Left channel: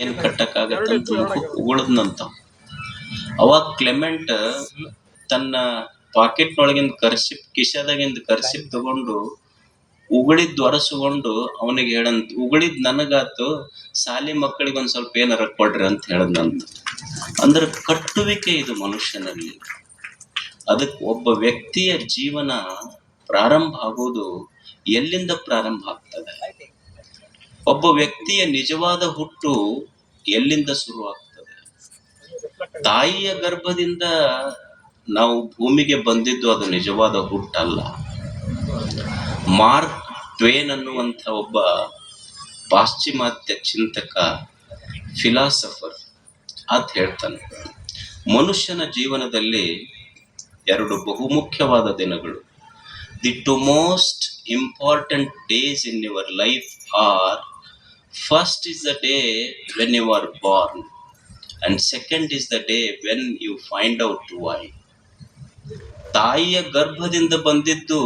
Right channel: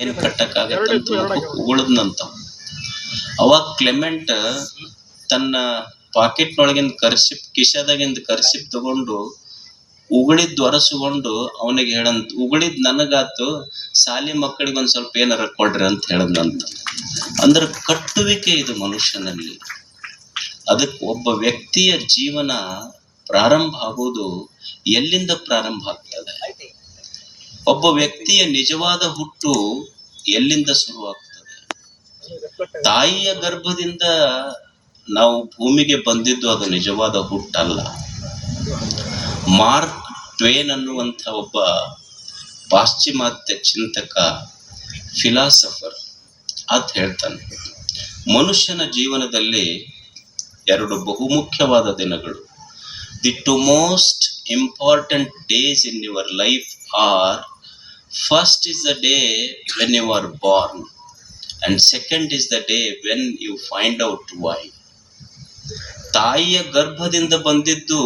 ಏನ್ ಕಟ್ಟಕ್ಕಾಗತ್ತಂತ ಮುಖಕ್ಕೆ ಉಗುಳದ್ನಂತ. ಅವಾಗ ಕ್ಲೆಮೆಂಟ್ ತನ್ನ ಪಾಕೆಟ್ನೊಳಗಿಂದ ಕಿಶದಾಗಿಂದ ಕರ್ಸಿಪ್ ತಗೊಂಡು ಉಗುಳಿದ್ ಒರೆಸ್ಕೊಂಡು ಅವನಿಗೆ ಹೇಳಂತ, ಉಗುಳಿದ್ ನನಗಾತು, ಸಾಲಿ ಮಕ್ಕಳಿಗೆ ಒಂದ್ ಸ್ವಲ್ಪ ಏನಾರ ಕೊಡ್ರಿ ಅಂತ ಹೇಳದ್ನಂತ. ಅಂದ್ರೆ ಕಟ್ಟುವಿಕೆ ಇದು ಮನುಷ್ಯನಲ್ಲಿ. ಅದಕ್ಕೆ ಒಬ್ಬ ವ್ಯಕ್ತಿಯ ಜೀವನ ಪ್ರಾರಂಭ ಆಗೋದು ಎಲ್ಲಿಂದ ಪ್ರಾರಂಭ ಆಗ್ತದೆ? ಒಬ್ಬ ವ್ಯಕ್ತಿಯ ನಿಜವಾದ ಹುಟ್ಟು ಎಲ್ಲಿಂದ ಶುರುವಾಗ್ತದೆ? ತಾಯಿಯ ಗರ್ಭದಿಂದ ನಾವು ಭೂಮಿಗೆ ಬಂದಿದ್ದು ಅದು ನಿಜವಾದ ಹುಟ್ಟಲ್ಲ. ಮಾರ್ಕ್ ಟ್ವೇನ್ ಅನ್ನುವಂಥ ಒಬ್ಬ ಪಾಶ್ಚಿಮಾತ್ಯ ಚಿಂತಕ, ಫಿಲಾಸಫರ್ ಅಂತ ಹೇಳ್ತಾನೆ, ಮನುಷ್ಯನ ಜೀವನದಲ್ಲಿ ಎರಡು ಬಹುಮುಖ್ಯವಾದ ದಿನಗಳು. The two most important days in your life are, first is the day when you are born and second is the day when you find out why. ತಾಯಿಯ ಗರ್ಭದಿಂದ ಬಂದಿದ್ದು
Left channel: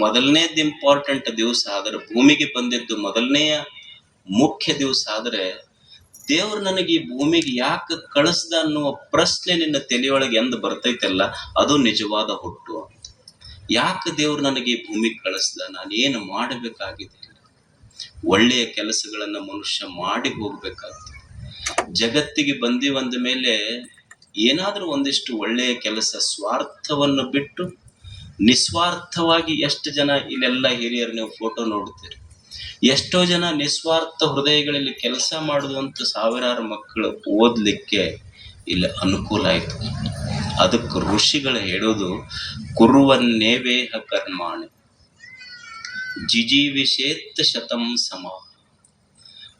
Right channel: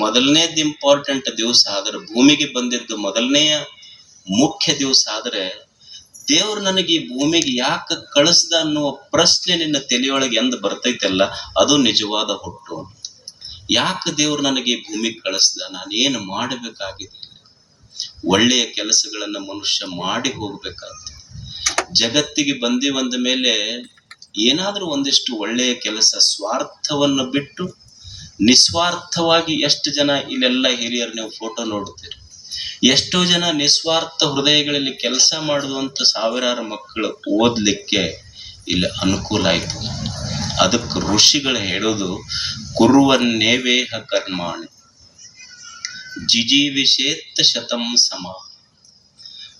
ಮೊದಲನೇದು ಇಂಪಾರ್ಟೆಂಟ್ ದಿವಸ ಆದ್ರೆ, ಭೂಮಿಗೆ ಬಂದಿದ್ದು ಮೊದಲನೆಯ ಮುಖ್ಯ ದಿವಸ ಆದ್ರೆ, ದೇವ್ರು ನನಗೆ ಈ ಭೂಮಿಗೆ ಯಾಕೆ ಕಳಿಸ್ದ ಅನ್ನುವ ಪ್ರಶ್ನೆ ನಿನ್ನ ತಲೆಯೊಳಗೆ ಎಂದು ಬರ್ತೈತಲ್ಲ, ಅದು ನಿಜವಾದ ಹುಟ್ಟು. ಯಾಕೆ ದೇವ್ರು ನನಗೆ ಈ ಭೂಮಿಗೆ ಕಳಿಸ್ದ? ನಾನೇನು ಮಾಡಬೇಕಾಗಿದೆ? ಒಳ್ಳೆಯ ಕೆಲಸಗಳನ್ನ ಮನುಷ್ಯ ಮಾಡಿ ಹೋಗ್ಬೇಕಾಗ್ತದೆ. ಜಗತ್ತಿಗೆ ಬಂದ ಮೇಲೆ ಏನಾದ್ರೂ ಒಂದಿಷ್ಟು ಒಳ್ಳೆಯ ಕೆಲಸ, ಸ್ವಾರ್ಥವನ್ನು ಬಿಟ್ಟು ನಿಸ್ವಾರ್ಥವಾಗಿ ಎಷ್ಟು ಜನ ಇಲ್ಲೆಲ್ಲ ಹಿರಿಯರು ನೀವು ಫೋಟೋ ನೋಡ್ತೀರಿ, ಎಷ್ಟೋ ಜನ ನಿಸ್ವಾರ್ಥ ಹೃದಯಗಳಲ್ಲಿ ಕೆಲಸ ಮಾಡುವಂತ ಸಾವಿರಾರು ಮಕ್ಕಳು ಓದ್ಲಿಕ್ಕೆ ಇಲ್ಲಿ ಅನುಕೂಲ ಆಯ್ತು. ಅದಕ್ಕೆ ಋಷಿಗಳು ಹೇಳೋದು, ಕುರುವನ್ನೇವೇಹ ಕರ್ಮಾಣಿ ಜಿಜೀವಿಷೇತ್ ಶತಂ ಸಮ.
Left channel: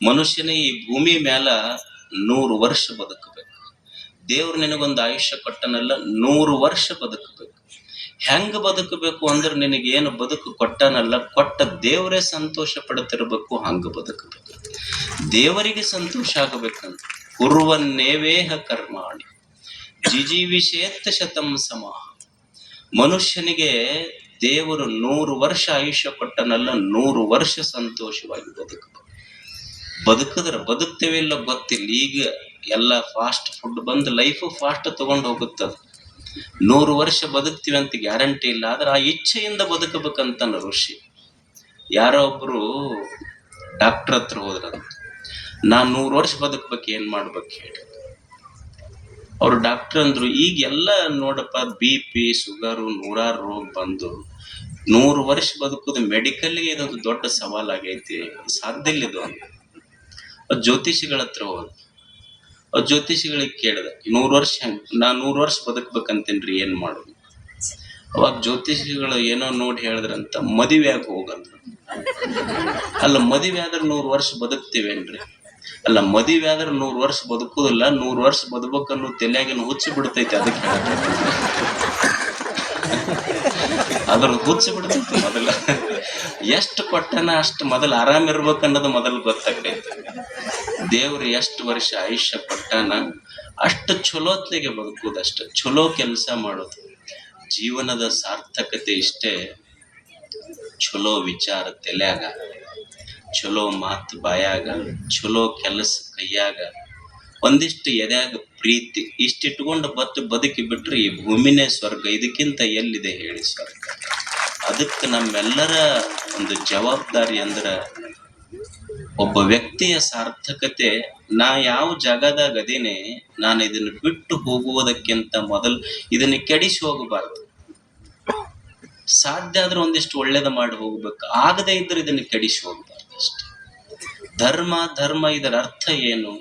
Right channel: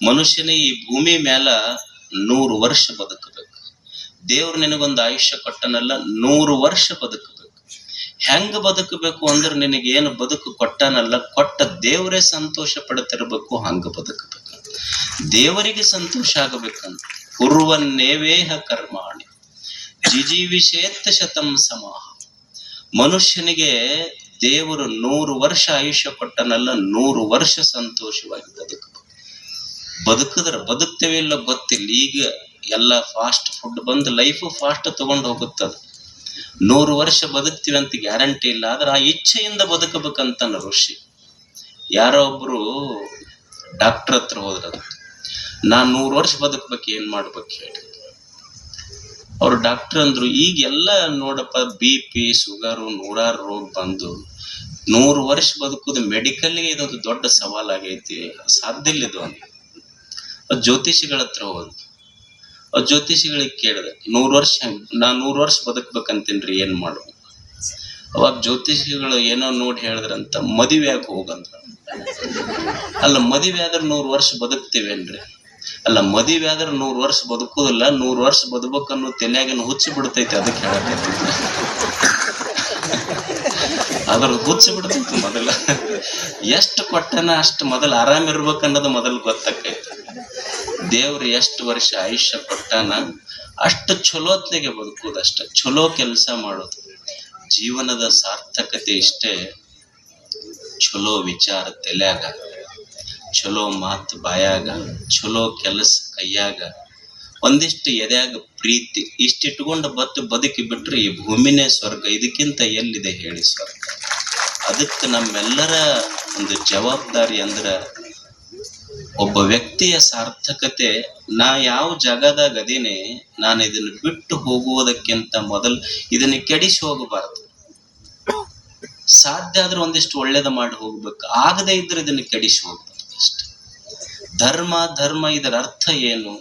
ಮನುಷ್ಯನ ಈ ಭೂಮಿ ಮೇಲ 100 ವರ್ಷ ಬದುಕಬೇಕು. ದೇವ್ರು ನಿನಗೊಂದು ಆಯುಷ್ಯ ಕೊಟ್ಟನಲ್ಲ, 100 ವರ್ಷ ಬದುಕಬೇಕು. ಹೆಂಗ ಬದುಕಬೇಕು ಅಂದ್ರೆ, ನಿನಗೇನು ಬದುಕು ಕೊಟ್ಟನಲ್ಲ, ಕೊಟ್ಟ ದೇವರೇ ಸಂತೋಷ ಪಡ್ತಿರ್ಬೇಕು, ಹಂಗ ಬದುಕಬೇಕು. ದೇವರಿಗೆ ಸಂತೋಷ ಆಗಬೇಕಂತ. ಕುರುವನ್ನೇವೇಹ ಕರ್ಮಾಣಿ ಜಿಜೀವಿಷೇತ್ ಶತಂ ಸಮ. ಮನುಷ್ಯನಿಗೆ ದೇವರು 100 ವರ್ಷ ಆಯುಷ್ಯ ಕೊಟ್ಟನಲ್ಲ, 100 ವರ್ಷ ಸಂತೋಷವಾಗಿ ಬದುಕಿದ್ರೆ ಬದುಕ್ತೇವೆ ಇಲ್ಲ ಗೊತ್ತಿಲ್ಲ. ಈಗ ಎಲ್ಲ ಫಾಸ್ಟ್ ಫುಡ್ ಬಂದು ಲೈಫ್ ಫಾಸ್ಟ್ ತಗೊಂಡು ಹೋಗುತ್ತದ. 100 ವರ್ಷ ಬದುಕ್ತೀವಿ ಅಂತ ಗ್ಯಾರಂಟಿ ಇಲ್ಲ, ಆದ್ರೆ ಆ ಇಚ್ಛೆಯಿಂದ ಬದುಕಬೇಕಂತ ಋಷಿ. ಯಾರೋ ಒಬ್ರು ಡಾಕ್ಟರ್ ಹತ್ರ ಹೋದ್ರ, ನಾನ್ 100 ವರ್ಷ ಬದುಕ್ಬೇಕು, ಏನ್ ಮಾಡ್ಬೇಕು ಹೇಳಿ. ಅವ್ರು ಡಾಕ್ಟರ್ ಅಂದ್ರು, ಈಗೆಲ್ಲ ನೋಡಪ್ಪ, BP ಶುಗರು 100 ರೋಗ ಬಂದು 100 ವರ್ಷ ಬದುಕುದು ಮೆಡಿಕಲ್ಗೆ ಇದೊಂದು ದೊಡ್ಡ ಸವಾಲಾಗೈತಿ, ಸಾಧ್ಯ ಇಲ್ಲ ಇದು. ಜ್ಯೋತಿಷಿಗಳ ಹತ್ರ ಹೋದ. ಜ್ಯೋತಿಷಿಗಳಿಗೆ ಕೇಳಿದ, 100 ವರ್ಷ ನಾನ್ 100 ವರ್ಷ ಬದುಕ್ಬೇಕಂತೇನ್ರಿ, ಏನ್ ಮಾಡ್ಬೇಕು? ಅವಾಗ ಜ್ಯೋತಿಷಿಗಳು ಏನೋ ನೋಡಿ ಹೇಳಿದ್ರಂತ, ಮದುವೆಯಾಗ ಹೋಗಂದ್ರ. ಅಲ್ಲ, ಮದುವೆ ಆದ್ರೆ 100 ವರ್ಷ ಬದುಕ್ತೇವೇನ್ರಿ? ಅಲ್ಲ, ಮದುವೆ ಆದ್ರೆ 100 ವರ್ಷ ಬದುಕುದಿಲ್ಲ, 100 ವರ್ಷ ಬದುಕನ್ನು ತಲೆಯಾಗಿನ ಹುಚ್ಚಿ ಬಿಡ್ತೈತಿ. ಅದಕ್ಕೆ ಅದ್ರ ಹುಚ್ಚಿ ಬಿಡ್ತೈತಿ. ಮೊದಲ ಎಷ್ಟು ಕೊಟ್ಟನ ಅಷ್ಟು ಮೊದಲು ಆರಾಮ್ ಇರ್ಬೇಕನ್ನೋದು ಮೊದಲು ಗೊತ್ತಾಕೈತಿ. ದೇವ್ರು ಎಷ್ಟು ವರ್ಷ ಆಯುಷ್ಯ ಕೊಟ್ಟಾನ ಅಷ್ಟು ಚಲೋತ್ನೆಗೆ ಬದುಕುದು, ಅಷ್ಟ ಚಲೋ ಕೆಲಸ ಮಾಡೋದು. ಜೀವನದ ಸಾರ್ಥಕತೆ ಇಷ್ಟೇ. ಚಲೋ ವಿಚಾರ ತಲೆಯಾಗ, ಚಲೋ ಮಾತು ಬಾಯಾಗ, ಚಲೋ ಕೆಲಸ ಕೈಯಾಗ, ಒಂದಿಷ್ಟು ಎದೆಯಾಗ ಪ್ರೀತಿ, ಇಷ್ಟಿಟ್ಕೊಂಡು ಬದುಕಿ ಬಿಟ್ರೆ ಈ ಭೂಮಿನೇ ಸ್ವರ್ಗ. ಇದಕ್ಕಿಂತ ಎಲ್ಲಿದೆ ಹೇಳಿ ಸ್ವರ್ಗ? ಅದಕ್ಕೆ ನಮ್ಮೆಲ್ಲರ ಒಂದು ಜವಾಬ್ದಾರಿ ಅಂದ್ರ, ಒಬ್ಬ ವ್ಯಕ್ತಿಯ ಸಾರ್ಥಕತೆ, ನಾ ಯಾವ ಜಾಗದಾಗ ಅದೇನೆ, ನಾನು ಇದನ್ನು ಬಿಟ್ಟು ಹೋಗುವುದಕ್ಕಿಂತ ಮೊದಲು ಇದನ್ನ ಕೆಡಿಸಿ ಹೋಗಬಾರ್ದು. ಸಾಧ್ಯ ಆದ್ರೆ ಒಂದಿಷ್ಟು ಒಳ್ಳೇದ ಮಾಡಿ ಹೋಗ್ಬೇಕು, ಆಗದೆ ಇದ್ರೆ ಇದನ್ನ ಕೆಡಿಸಿ ಹೋಗ್ಬಾರ್ದು ಅಷ್ಟೆ. ಧರ್ಮ ಇದರ ಅರ್ಥ ಏನು?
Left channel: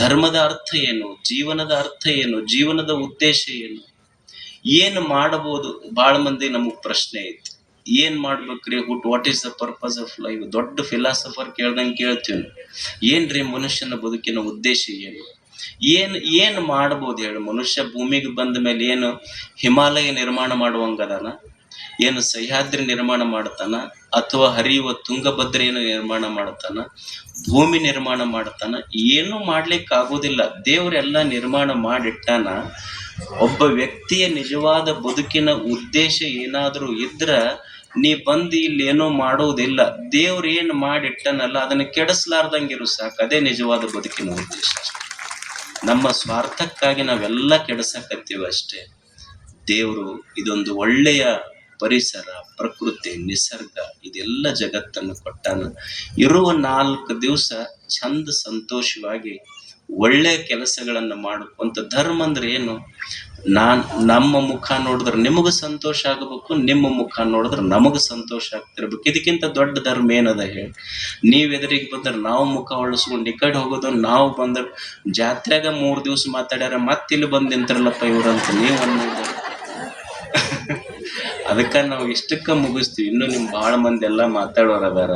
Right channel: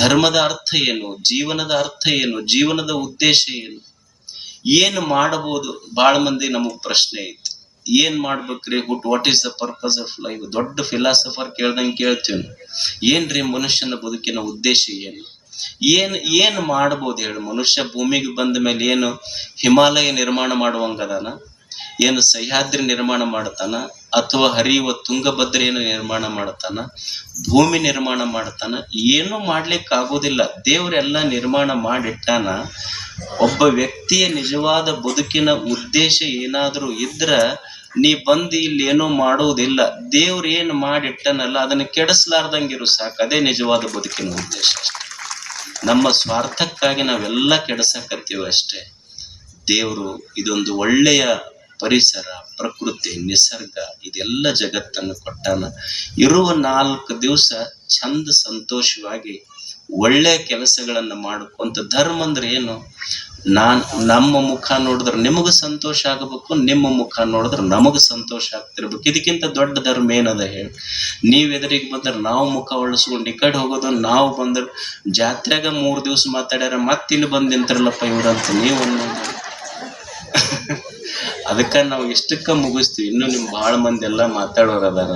ಧರ್ಮದ ಅರ್ಥ ಏನು? ಜೀವನದ ಅರ್ಥ ಏನು? ಜೀವನದ ಉದ್ದೇಶ ಏನು? ಏನು ಮಾಡಬಹುದು? ಬಹಳ ಮಂದಿ ನಮಗ್ ಪ್ರಶ್ನೆ ಐತಿ, ಏನ್ ಮಾಡ್ಬೇಕ್ರಿ? What is the purpose of life? ದೊಡ್ಡ ಫಿಲಾಸಫರ್ ಕೇಳ್ದಂಗೆ ಕೇಳ್ತೀವಿ, ಏನ್ರಿ ಮನುಷ್ಯನ ಬದುಕಿನ ಉದ್ದೇಶ ಏನು? ಏನ್ ಮಾಡ್ಬೋದು ಹೇಳಿ? ಮನುಷ್ಯ ಭೂಮಿಗೆ ಬಂದ ಮೇಲೆ ಏನು ಹಿಮಾಲಯ ನಿರ್ಮಾಣ ಮಾಡುವಂಗದಾನ? ಏನು ಸಹ್ಯಾದ್ರಿ ನಿರ್ಮಾಣ ಮಾಡ್ತಾನ? ಅಥವಾ ಹರಿಯುವ ತುಂಗಭದ್ರೆಯನ್ನು ನಿರ್ಮಾಣ ಮಾಡ್ತಾನ? ಭೂಮಿ ನಿರ್ಮಾಣ ಮಾಡ್ತಾನ? ಏನೂ ಮಾಡ್ಲಿಕ್ಕೆ ಆಗೋದಿಲ್ಲ. ದೇವರೆಲ್ಲ ನಿರ್ಮಾಣ ಮಾಡಿಟ್ಟಾನ. ಒಬ್ಬ ವ್ಯಕ್ತಿಯ ನಿಜವಾದ ಬದುಕಿನ ಉದ್ದೇಶ ಏನಾದ್ರೂ ಇದ್ರ ನೀ ಬಂದು ಇಲ್ಲಿ ಏನೋ ಮಾಡೋದಿಲ್ಲ, ದೇವ್ರು ಏನು ಮಾಡಿಟ್ಟನಲ್ಲ ಅದನ್ನ ಕೆಡಿಸ್ಲಾರ್ದಂಗಿರು ಸಾಕು. ಅದೇ ನಿಜವಾದ ಬದುಕಿನ ಉದ್ದೇಶ. ನಮ್ಮ ಸ್ವಾರ್ಥಕ್ಕಾಗಿ ನಾವೆಲ್ಲ ಕೆಡಿಸಕತ್ತೀವಿ ಅಷ್ಟೇ. ದೇವರು ಇದೊಂದು ಒಳ್ಳೆಯ ಪರಿಸರ, ಪ್ರಕೃತಿ, ನಿಸರ್ಗ ಇದೆಲ್ಲ ಜಗತ್ತನ್ನು ಕೊಟ್ಟಾನ. ಇರುವ 4 ದಿವಸ ಚಂದ ಸಂತೋಷವಾಗಿ ಒಳ್ಳೆಯ ಕೆಲಸಗಳನ್ನು ಮಾಡ್ಕೊಂತ. ಧರ್ಮ ಅಂದ್ರೆ ಏನು? ನಮ್ಮ ಮುಖ ನೋಡಿದ್ರೆ ನಿಮಗೆ ಸಂತೋಷ ಆಗಬೇಕು, ನಿಮ್ಮ ಮುಖ ನೋಡಿದ್ರೆ ನಮಗೆ ಸಂತೋಷ ಆಗ್ತಿರ್ಬೇಕು. ಇದಕ್ಕಿಂತ ದೊಡ್ಡ ಧರ್ಮ ಏನದ ಹೇಳಿ? ನೀವು ಎದುರಿಗೆ ಬಂದ್ರೆ ನಾವು ಮುಖ ಒಳಸ್ಕೊಂಡು ಈ ಕಡೆ ಹೋಗೋದು, ನಾವು ಬಂದ್ರೆ ಜಾತ್ರೆಗ 3 ದಿವಸ ಮಾತಾಡ್ಯಾರ ಮತ್ತಿಲ್ಲಿ ಬಂದು ನಿಂತಿರಲ್ಲಪ್ಪ ಇವ್ರಂತ ನೀವು ಅನ್ನೋದು. ಅದಕ್ಕೆ ನಾವು ಇಷ್ಟಕ್ಕೆ ಮುಗಿಸ್ತೀವಿ. ಇನ್ನು ನಿಮ್ ಭಾಳ ಮಂದಿ ಎಲ್ಲ ಮಾತಾಡೋರು ಅದಾರ,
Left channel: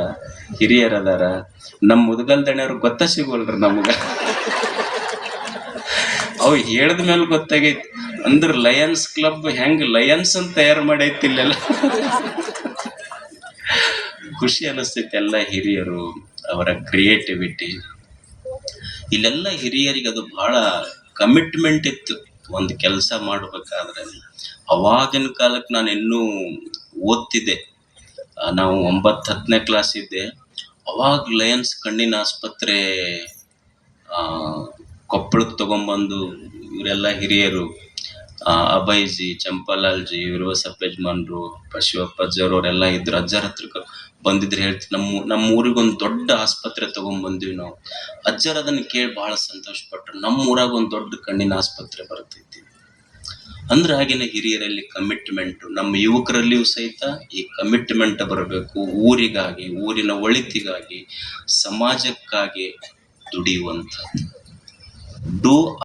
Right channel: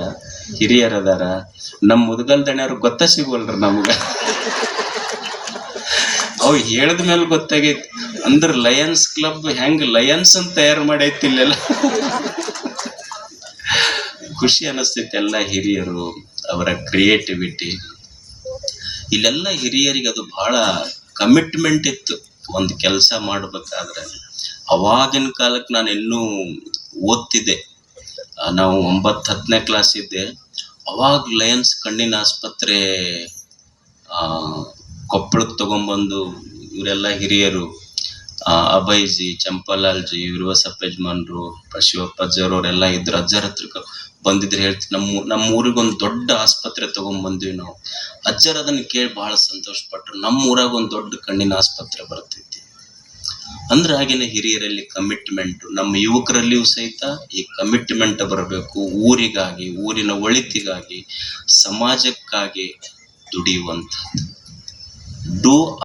ಹಿರಿಯರ್ ಅದಾರ. ನಮ್ಮ ಮುದ್ಗಲ್ ದಣಿಯವ್ರು ಗೊತ್ತ ಸಿಗೋಲ್ರಿ ನಮ್ಗೆ. ಅವು ಹೇಳಿದ ಮೇಲೆ ಗೊತ್ತಾಗೈತಿ. ಅಂದ್ರೆ ಲಯನ್ಸ್ ಕ್ಲಬ್ ಹೆಂಗ್ ಲಯನ್ಸ್ ಅಂತ ತಯಾರು ಮಾಡೈತಿ ಇಲ್ಲೆಲ್ಲ. ಖುಷಿ ಅನಿಸ್ತೈತಿ. ಎಲ್ಲ ಹಿರಿಯರು, ಅವರ ಕ್ರಿಯೇಟಿವಿಟಿ. ಇಲ್ಲೆಲ್ಲ ಹಿರಿಯರಿಗೆ ಅದು ಬಹಳ ಕಮಿಟ್ಮೆಂಟ್ ಇತ್ತು ಒಂದು ಕೆಲಸ ಮಾಡ್ಬೇಕಾದ್ರೆ. ಅವಾಗಿನ ಕಾಲಕ್ಕೆ ನಾನು ಇನ್ನೂ ಓದ್ತಿದ್ದೆ, ನಾವು 9-10ನೇ ಕ್ಲಾಸ್ ಇದ್ದೆ. ಅವಾಗ ಲಯನ್ಸ್ ಕಣ್ಣಿನ ಆಸ್ಪತ್ರೆ ಕೊಪ್ಪಳಕ್ಕೆ ತಗೊಂಬಂದು ಇವರೆಲ್ಲ ಹಿರಿಯರು, ಅಭಯ್ಜಿ, ಚಂಪಾಲಾಲ್ಜಿ, ವಿರ್ವಸಪ್ಪ ಯಜಮಾನ್ರು, ಶಿವಪ್ಪಜ್ಜರವರೆಲ್ಲ ಇದ್ರು. ಅಜ್ಜರ ಹತ್ರಕ್ಕೆ ಬಂದಿದ್ರೆ ಹೇಳ್ತೀವಿ, ನಮ್ಮ ಊರಿಗೊಂದು ದೊಡ್ಡ ಆಸ್ಪತ್ರೆ ತಗೊಂಡ್ಬಂದ್ವಿ ನಾವು. ಅಜ್ಜರ ಅದನ್ನು ಕೇಳಿ ಭಾಳ ಸಂತೋಷ ಪಟ್ರು. ನಮ್ಮ ಊರಾಗ ಒಂದು ದೊಡ್ಡ ಕಣ್ಣಿನ ಆಸ್ಪತ್ರೆ ಬರ್ತೈತಿ ಅಂದ್ರೆ. ಆಗಿನ ಹಿರಿಯರಲ್ಲಿ ಕಮಿಟ್ಮೆಂಟು. ನಮ್ಮ ಯುವಕರಲ್ಲಿಯೂ ಸಹಿತ ಈ ಕಮಿಟ್ಮೆಂಟ್ ಬರಬೇಕು. ಊರಿಗಾಗಿ, ಊರಿನ ಒಳಿತಿಗಾಗಿ, ಸಮಾಜಕ್ಕಾಗಿ ದುಡಿಯುವಂಥದ್ದು. ಡೂ